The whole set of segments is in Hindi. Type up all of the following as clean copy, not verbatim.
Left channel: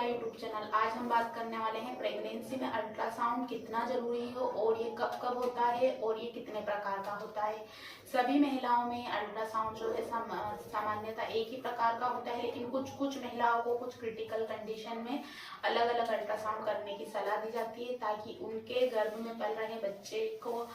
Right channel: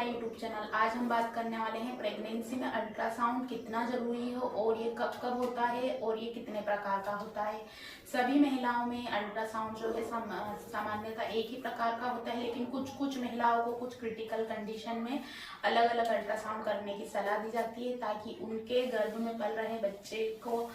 My YouTube channel. आज हम बात करने वाले हैं प्रेगनेंसी में अल्ट्रासाउंड कितना जरूरी हो और ये कब कब होता है और ये कितने प्रकार का होता है। सभी महिलाओं में अल्ट्रासाउंड जो है सामान्यतः एक ही प्रकार का होता है, लेकिन कुछ महिलाओं को कुछ क्रिटिकल कंडीशन में अलग अलग अल्ट्रासाउंड करने की सलाह दी जाती है, ताकि उनके गर्भ में पल रहे बच्चे को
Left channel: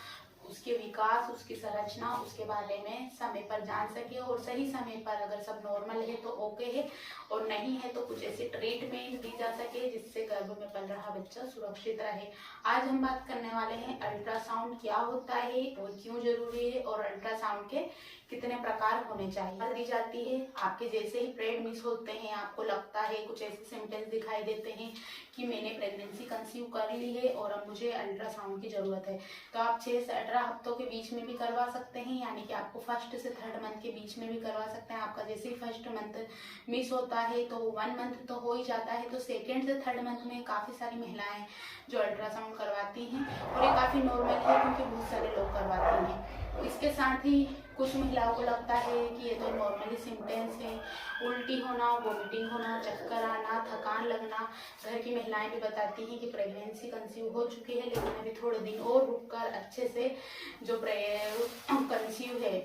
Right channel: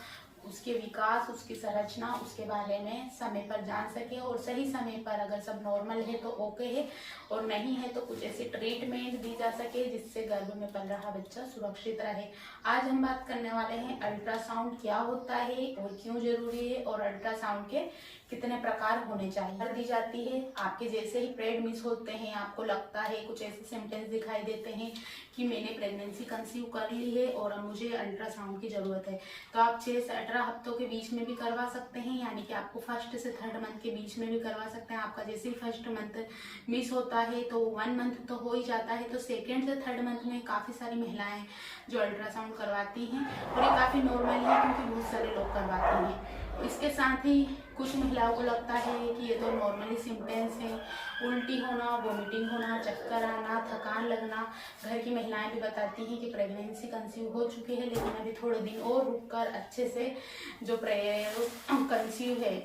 उसके विकास, उसकी संरचना, उसके बारे में समय पर जान सके और सही समय पर अगर सब नॉर्मल है तो ओके है, और नहीं है तो कुछ ऐसे ट्रीटमेंट दी जा सके जिससे गर्भ में पल रहा बच्चा सुरक्षित रहे। आज हम बात करने वाले हैं अल्ट्रासाउंड क्या होता है और क्यों जरूरी है और अल्ट्रासाउंड के कितने प्रकार होने चाहिए। दी जाती है आपके जैसे ही पीरियड मिस होते हैं, आपको लगता है कुछ ऐसे सिम्टम्स दिखाई देते हैं कि मैंने प्रेगनेंसी कंसीव कर ली है और अब मुझे अल्ट्रासाउंड की जरूरत है, तो आप 6 से 18 हफ्तों के बीच में भी करवा सकते हैं, यानी कि आपको फर्स्ट से थर्ड मंथ के बीच में भी करवा सकते हैं। आपका जैसे ही फर्स्ट मंथ मिस होता है तो 1 मंथ तो हो ही जाता है, तो सेकेंड से थर्ड मंथ में काफ़ी सारी महिलाएं जो अल्ट्रासाउंड करवाती हैं और ये काफ़ी नॉर्मल है क्योंकि बहुत सारे लोग करवाते हैं। इसके साथ ही कुछ महिलाओं को लगता है कि ये तो नॉर्मली सिम्टम्स हैं, उल्टी होना, वोमिटिंग होना, चक्कर आना, थकान लगना। घर की महिलाएं भी बताती हैं कि प्रेगनेंसी कंसीव हो चुकी है लेकिन अभी थोड़े दिन और रुककर अच्छे से जो कंसीव है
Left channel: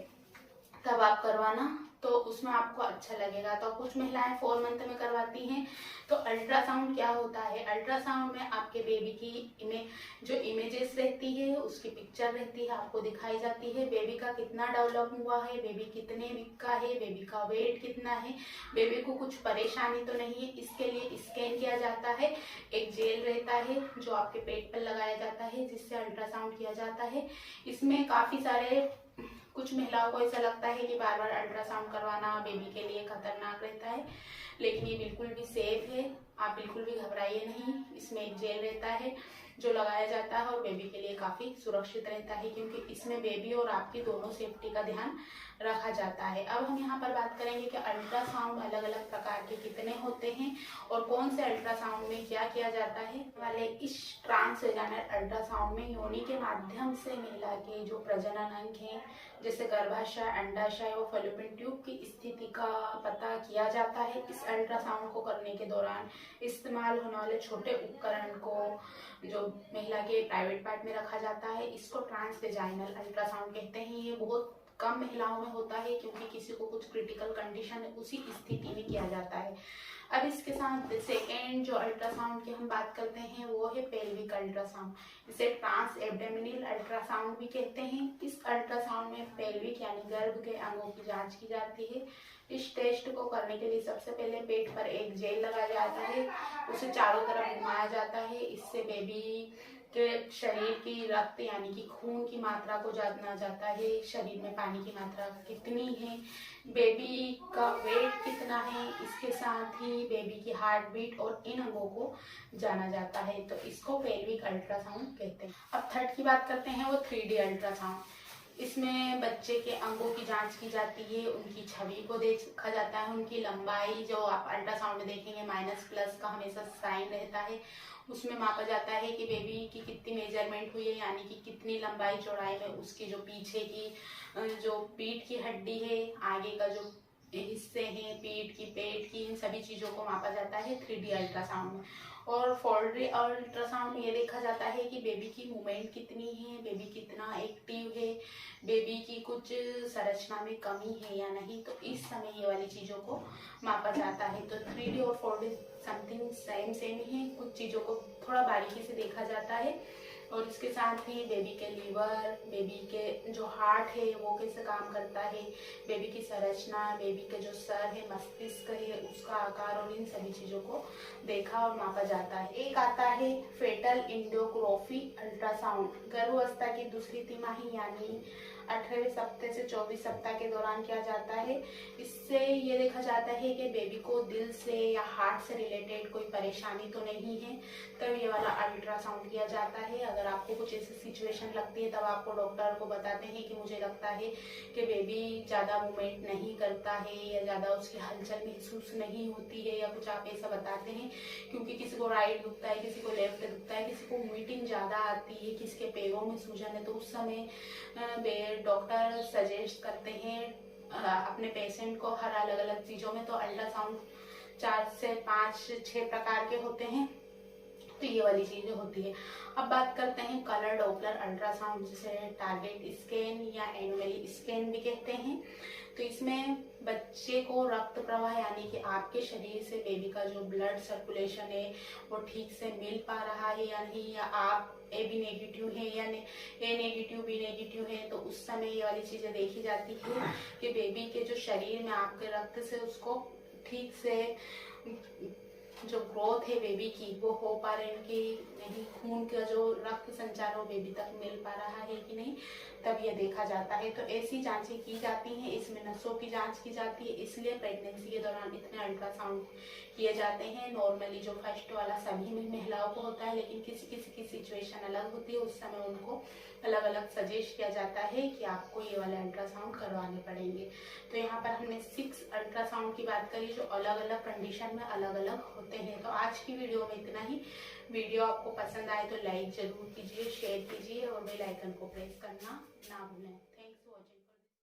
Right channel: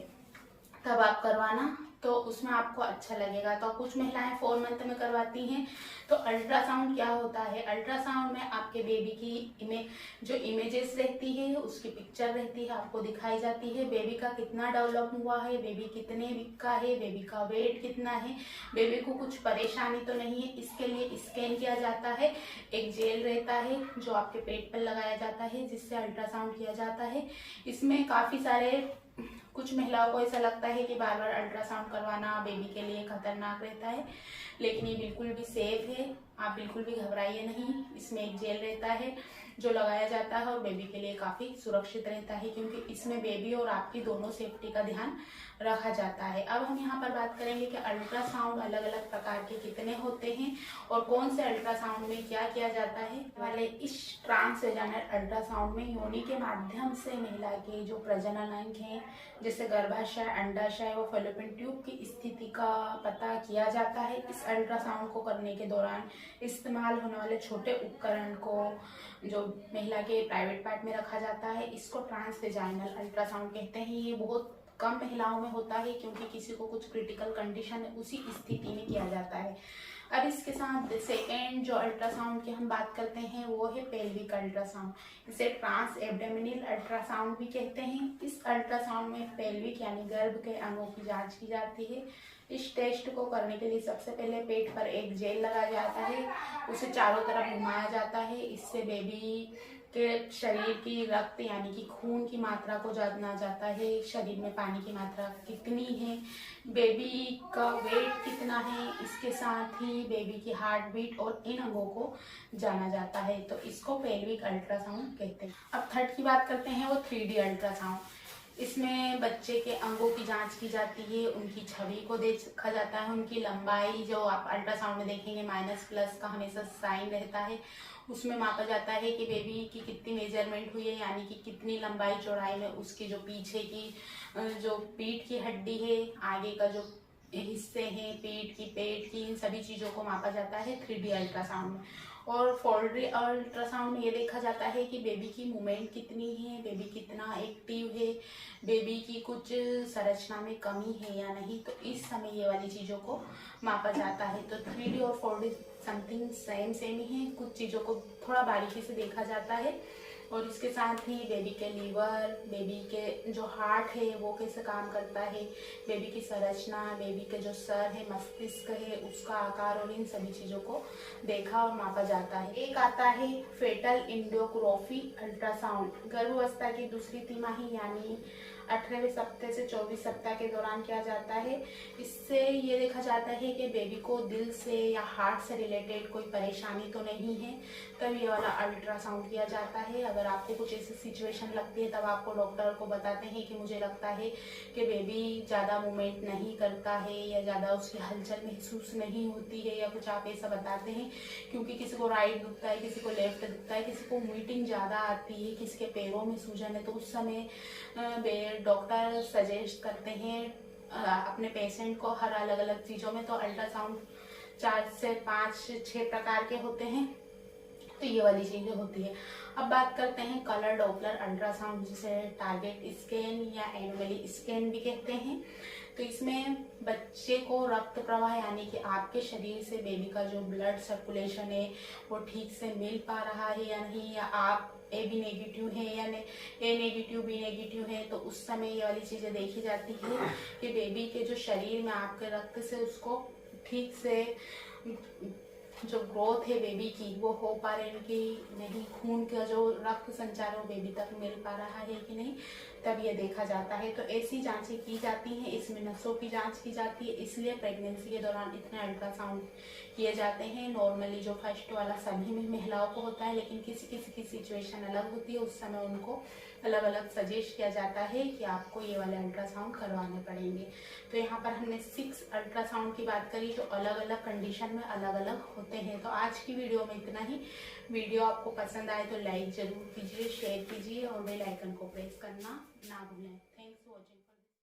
तब आप करवाना, तो उसमें आपको अच्छा लगेगा। तो कुछ महिलाएं 4 मंथ में करवाती हैं। तो अल्ट्रासाउंड क्या होता है? अल्ट्रासाउंड में आपके बेबी की जो इमेजेस रहती है उसकी पिक्चर रहती है, आपको दिखाई जाती है। बेबी का कितना डेवलप हुआ है, बेबी कितने वीक का है, बेबी का वेट कितना है, बेबी को कुछ परेशानी तो नहीं है, इसके लिए स्कैन किया जाता है। एक जेल रहता है जो आपके पेट पर लगाया जाता है जिससे अल्ट्रासाउंड किया जाता है। इसमें काफ़ी सारे कुछ महिलाओं को ऐसा लगता है कि बार बार अल्ट्रासाउंड करवाना बेबी के लिए खतरनाक रहता है, लेकिन ये बिल्कुल भी सेफ है, आप बिल्कुल भी घबराइए नहीं। इसमें एक जेल रहता है जो लगाया जाता है और बेबी के लिए काफ़ी सुरक्षित रहता है, क्योंकि इसमें बेबी और आपकी दोनों सेफ्टी का ध्यान रखा जाता है। अब हम यहाँ पर बात करेंगे कि अल्ट्रासाउंड अलग अलग प्रकार के कितने होते हैं और कौन से अल्ट्रासाउंड में क्या किया जाता है। वाले इस ट्रांसवेजाइनल अल्ट्रासाउंड में योनि के माध्यम से महिला के जो प्रजनन अंग हैं जैसे गर्भाशय, अंडाशय और फैलोपियन ट्यूब की स्थिति का पता किया जाता है। इस अल्ट्रासाउंड को करने के दौरान इस्तेमाल होने वाले छोटे उपकरण को जो महिला के प्राइवेट पार्ट में रखा जाता है, इसको ट्रांसवेजाइनल अल्ट्रासाउंड कहते हैं। ये बहुत कम महिलाओं में होता है क्योंकि किसी को कुछ क्रिटिकल कंडीशन है उसी स्थिति में किया जाता है। अब इसके साथ सेकेंड जो अल्ट्रासाउंड की हम बात करते हैं वो है पेल्विक अल्ट्रासाउंड। इसे ट्रांस एब्डोमिनल अल्ट्रासाउंड भी कहते हैं। इस अल्ट्रासाउंड में पेल्विक यानी गर्भ के अंगों की जांच की जाती है। इस टेस्ट को करने के लिए सबसे पहले पेट पर एक जेल लगाया जाता है, उसे चारों तरफ घुमाया जाता है। इससे बेबी के शरीर की रक्त यानी कि खून की मात्रा को जाना जाता है, शरीर में पानी की मात्रा कितनी है, बेबी का वेट कितना है, इसके साथ ही बेबी की हार्ट बीट और इन अंगों को जाना जाता है। तो इसको पेल्विक अल्ट्रासाउंड कहते हैं। अब थर्ड की बात करते हैं, वो 3D अल्ट्रासाउंड। इसमें बच्चे के अंगों की जांच की जाती है, उनकी छवि को देखा जाता है, उनकी लंबाई जो आप अल्ट्रासाउंड में देखेंगे माइनस प्लस का हमेशा साइन रहता है, उसमें मापा जाता है कि बेबी की कितनी मेजरमेंट हुई है, यानी कि कितनी लंबाई चौड़ाई में उसकी जो पीछे की जो पीठ की हड्डी है, आगे का जो हिस्से हैं पीठ की, पेट की, इन सभी चीज़ों को मापा जाता है 3D अल्ट्रासाउंड में। और 4D अल्ट्रासाउंड में ये देखा जाता है कि बेबी की मूवमेंट कितनी है, बेबी कितना एक्टिव है, बेबी की कुछ संरचना में कमी है या नहीं, तो इस समय ये वाली चीज़ों को मापा जाता है। तो 3D और 4D समथिंग सेम ही है, कुछ चीज़ों को थोड़ा बारीकी से देखा जाता है। और इसके साथ ही बेबी के लीवर, बेबी के जो हार्ट है वो कैसे काम करता है, बेबी की संरचना, बेबी के जो सर है, मस्तिष्क है, उसका आकार और इन सभी चीज़ों को देखा और मापा जाता है। एक आता है फेटल एंडोस्कोपी अल्ट्रासाउंड। गर्भावस्था की दूसरी तिमाही यानी 18वें सप्ताह से 24 सप्ताह के दौरान किया जाता है। इससे ये देखा जाता है कि बेबी को दिल से या हार्ट से रिलेटेड कोई परेशानी तो नहीं है, तब ये वाला अल्ट्रासाउंड किया जाता है। अगर आपको कुछ ऐसी सिचुएशन लगती है तब आपको डॉक्टर को बताते हैं कि मुझे लगता है कि बेबी ज़्यादा मूवमेंट नहीं करता है या ज़्यादा उसकी हलचल महसूस नहीं होती है, या कुछ आप ऐसा बताते हैं, क्योंकि किसी को राइट दुखता है, किसी को लेफ्ट दुखता है, किसी को वोमिटिंग ज़्यादा आती है, किसी के पैरों में सूजन है, तो उस समय डॉक्टर सजेस्ट करते हैं अपने पेशेंट को हर अलग अलग चीज़ों में तो अल्ट्रासाउंड 4 से 5 6 प्रकार के होते हैं, तो ये वाली चीज़ें होती है। अब बात करते हैं कलर डॉपलर अल्ट्रासाउंड, जिसे टारगेट स्कैन या एनोमली स्कैन भी कहते हैं। तो इसमें बच्चे को रक्त प्रवाह यानी कि आपके शरीर से बेबी का जो ब्लड सर्कुलेशन है वो ठीक से मिल पा रहा है या नहीं, या आप ए बी नेगेटिव है या ए नेगेटिव बी नेगेटिव है, तो उस समय ये वाली चीज़ें देखी जाती है कि बेबी के जो शरीर में आपके रक्त से उसको ठीक से जो ग्रोथ है बेबी की वो हो पा रही है कि नहीं, खून का जो रक्त संचार वो बेबी तक मिल पा रहा है कि नहीं, तब ये देखा जाता है। तो ऐसी जांचें की जाती हैं, इसमें नसों की जांच की जाती है, इसलिए प्रेगनेंसी के दौरान इतने अल्ट्रासाउंड किए जाते हैं। नॉर्मली जो फर्स्ट वाला सभी में महिलाओं को होता है, लेकिन किसी किसी की सिचुएशन अलग होती है, उस समय उनको अलग अलग सजेस्ट किया जाता है कि आपको ये वाले अल्ट्रासाउंड करवाने पड़ेंगे। तो यहाँ पर हमने 6 अल्ट्रासाउंड की बात करी जो अलग अलग कंडीशन में अलग अलग होते हैं। तो आज की वीडियो में इतना ही। वीडियो आपको पसंद आए तो लाइक जरूर कीजिए, शेयर कीजिए और बेल आइकन को प्रेस करना ना भूलें। Thanks for watching.